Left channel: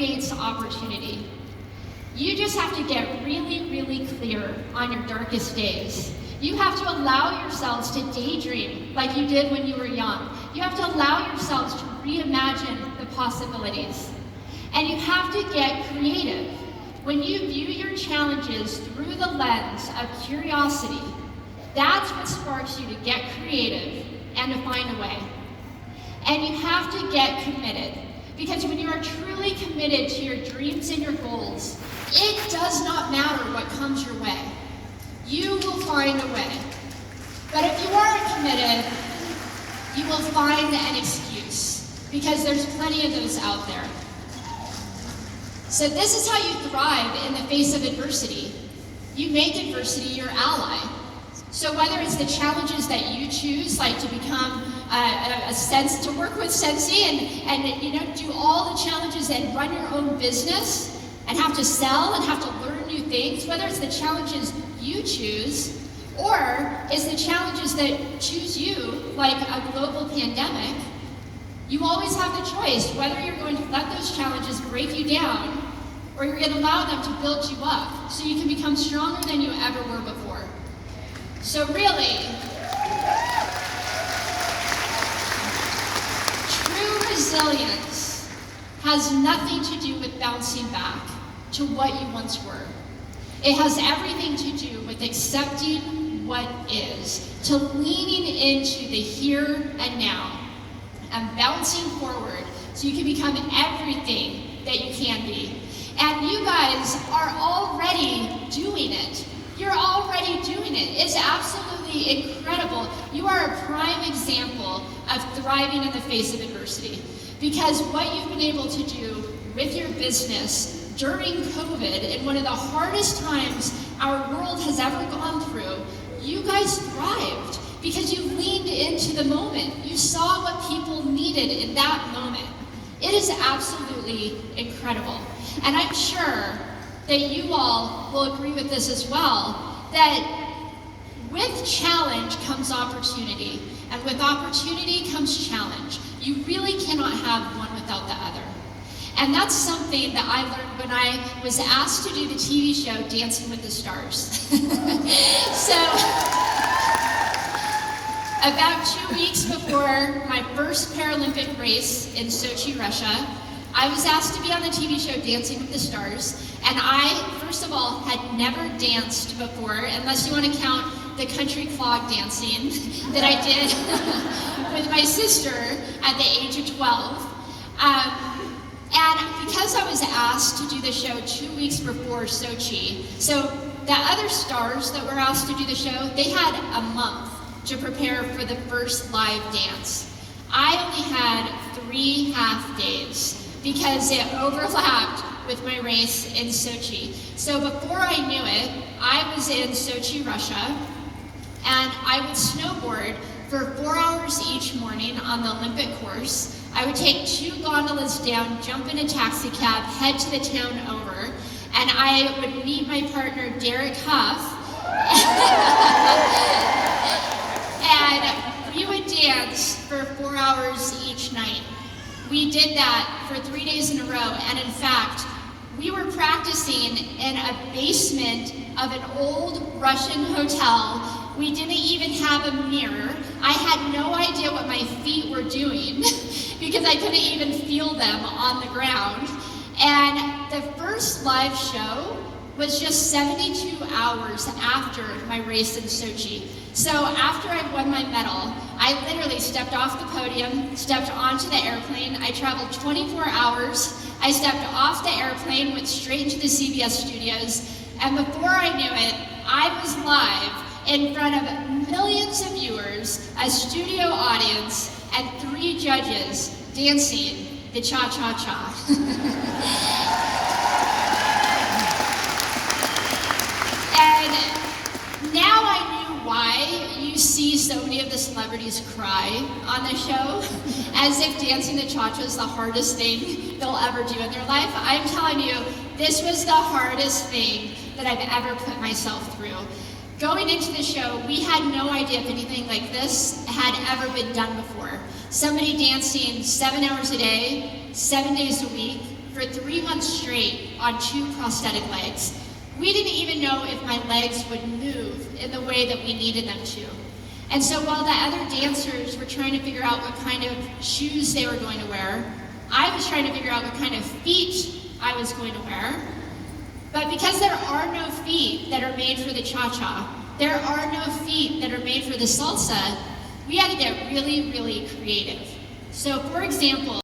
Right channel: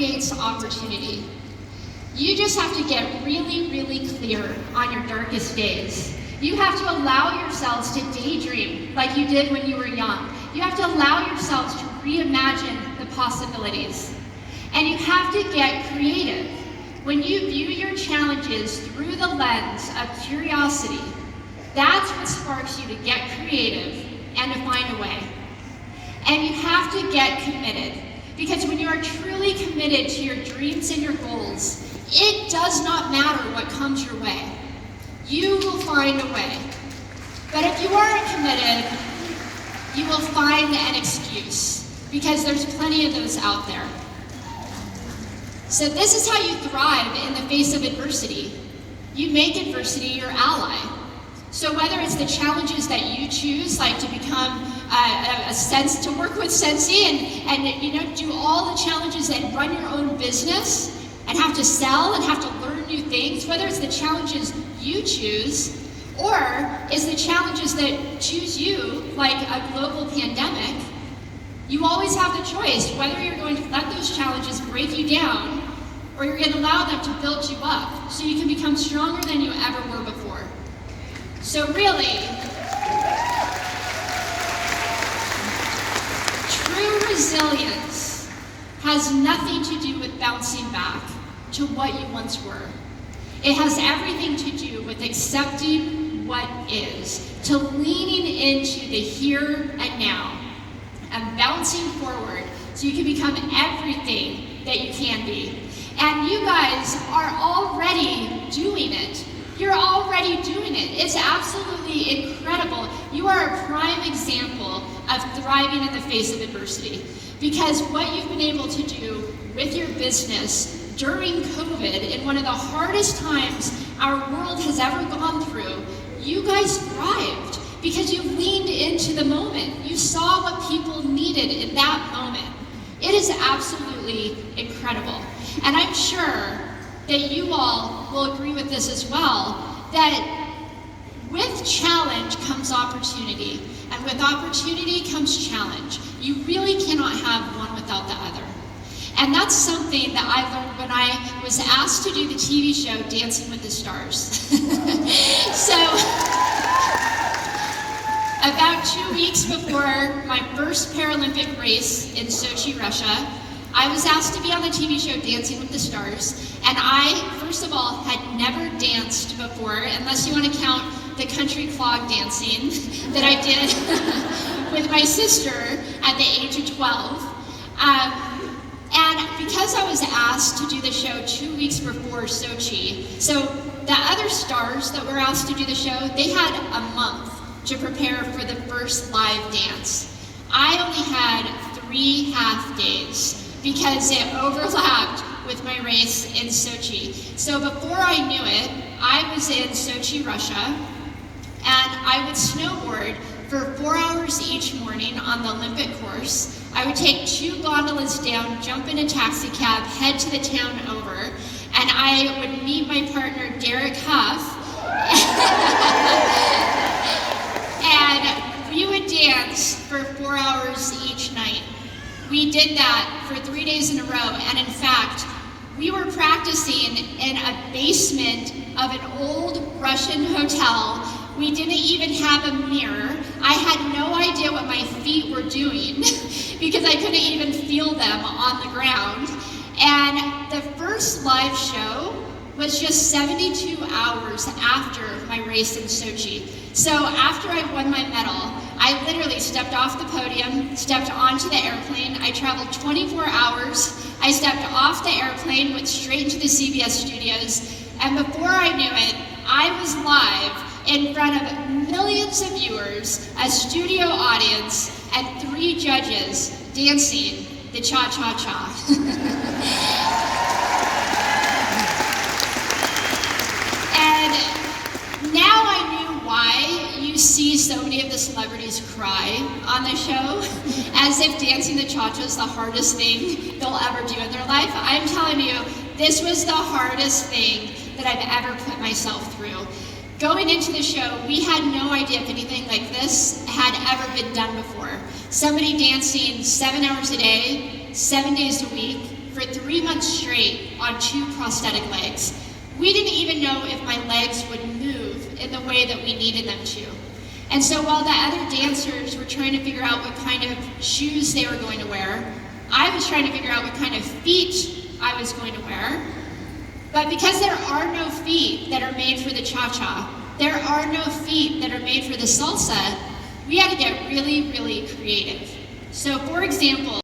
creates opportunity. You just have to get really, really clear on your darkest days. You have to allow yourselves to daydream like you did when you were young. You have to allow yourselves to reimagine the possibilities. And you have to get creative. When you view your challenges through the lens of curiosity, that's what sparks you to get creative and to find a way. And you have to get committed, because when you are truly committed to your dreams and your goals, it does not matter what comes your way. You will find a way. But if you aren't committed, you will find an excuse, because there's plenty of those out there. So this is how you thrive in the face of adversity. You make adversity your ally. So whether it's the challenges that you choose, like to become to work with Scentsy and do all the challenges and run your own business and have to sell and have to learn new things, whether it's the challenges you choose or is the challenges that choose you, like a global pandemic, you always have the choice whether you're going to let those challenges break you down or you're going to allow them to build you up so you can become stronger than you ever were before. So really, true resilience has nothing to do with bouncing back to what you once were. It has everything to do with accepting what is, to leaning into the here and now, and bouncing forward so you can become everything that you can be. And you guys are already doing it. You're already doing it. It's absolutely incredible. You are a prime example of thriving in the face of adversity, because what you've been able to do with your business during COVID, in one of the hardest times our world has ever gone through, you guys thrived because you leaned into the moment. You saw what people needed in that moment. It is absolutely incredible. And I'm sure that you all will agree with this as well, that with challenge comes opportunity, and with opportunity comes challenge. You really cannot have one without the other. And that's something that I learned when I was asked to do the TV show Dancing with the Stars. So, about 2 weeks before my first Paralympic race in Sochi, Russia, I was asked to be on the TV show Dancing with the Stars. And I, first of all, had never danced before, unless you want to count the country clog dancing that I did with my sister at the age of 12. And because I was asked to do the show 2 weeks before Sochi, so the other stars that were asked to do the show, they had a month to prepare for the first live dance. I only had 3 half days because it overlapped with my race in Sochi. So before I knew it, I was in Sochi, Russia, and I would snowboard for 4 hours each morning on the Olympic course. I would take 2 gondolas down, jump in a taxi cab, head to the town over, and I would meet my partner, Derek Huff, and we would dance for 4 hours each night. We did that for 3 days in a row, and in fact, we were practicing in a basement of an old Russian hotel. We didn't even have a mirror. I had no idea what my feet were doing because I couldn't even feel them on the ground. And the first live show was just 72 hours after my race in Sochi. So after I won my medal, I literally stepped off the podium, stepped onto the airplane. I traveled 24 hours. I stepped off the airplane, went straight into the CBS studios, and before I knew it, I was live in front of millions of viewers, a studio audience, and 3 judges dancing the cha-cha-cha. And now I knew why you see so many of the celebrities cry on the show, as if dancing the cha-cha is the hardest thing they'll ever do in their life. I'm telling you, this was the hardest thing that I've ever put myself through. Going into the show, we had no idea if anything like this had ever been done before. Somebody dancing 7 hours a day, 7 days a week, for 3 months straight on 2 prosthetic legs. We didn't even know if my legs would move in the way that we needed them to. And so while the other dancers were trying to figure out what kind of shoes they were going to wear, I was trying to figure out what kind of feet I was going to wear. But because there are no feet that are made for the cha-cha, there are no feet that are made for the salsa, we had to get really, really creative. So for example,